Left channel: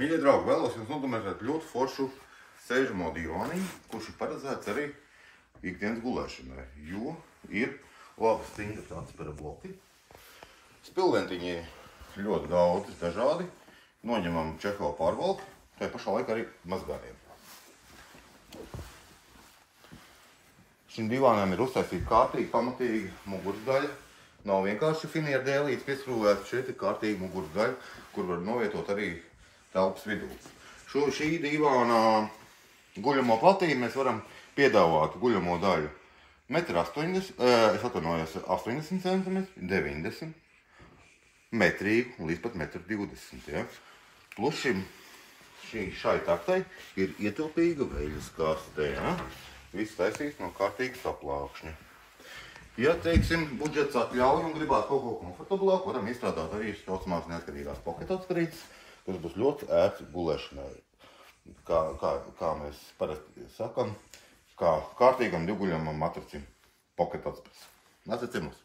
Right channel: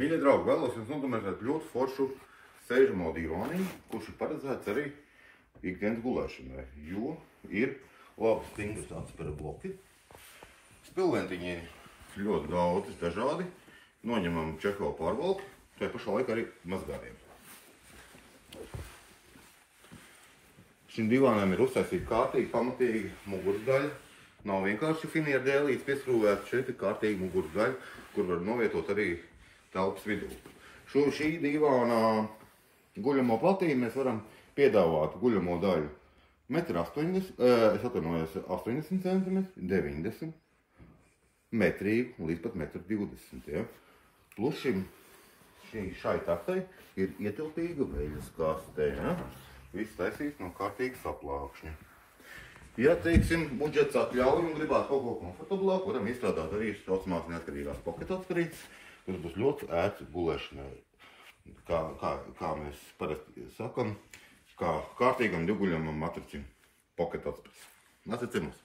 Mīļie draugi, vēlos jums nodemonstrēt ļoti foršu sēžamo divāniņu, kurš ir paredzēts arī ikdienas gulēšanai, jo ir labi stingri atspera bloki. Spilventiņi ir ļoti daudz dažādi, noņemam čeholu pārvalku, tajā pašā laikā arī mazbērniem. Šim divānam ir uztaisīta kārtīgi, pamatīga muguras daļa. Nav vienkārši finieru dēlītes pieskrūvēts, šeit ir kārtīga muguras daļa, kur var novietot arī telpas vidū. Šī divāna guļamo platību mēs varam piedāvāt guļamo daļu 80 cm, 90 metrīgu līdz pat 1,20 m. Ja? Plus šai taktai ir ietilpīga veļas kaste. Ja? Viss taisīts no kārtīgas saplākšņa. Ja, teiksim, budžets atļauj un gribētu kaut ko komfortablāku, varam izstrādāt arī saucamās neatkarīgās pocket atsparītes, kas būs ļoti ērts gulēšanai. Kā mēs parasti sakam, kā kārtīgam divguļamam matricim pocket atsparītes. Nāciet ciemos!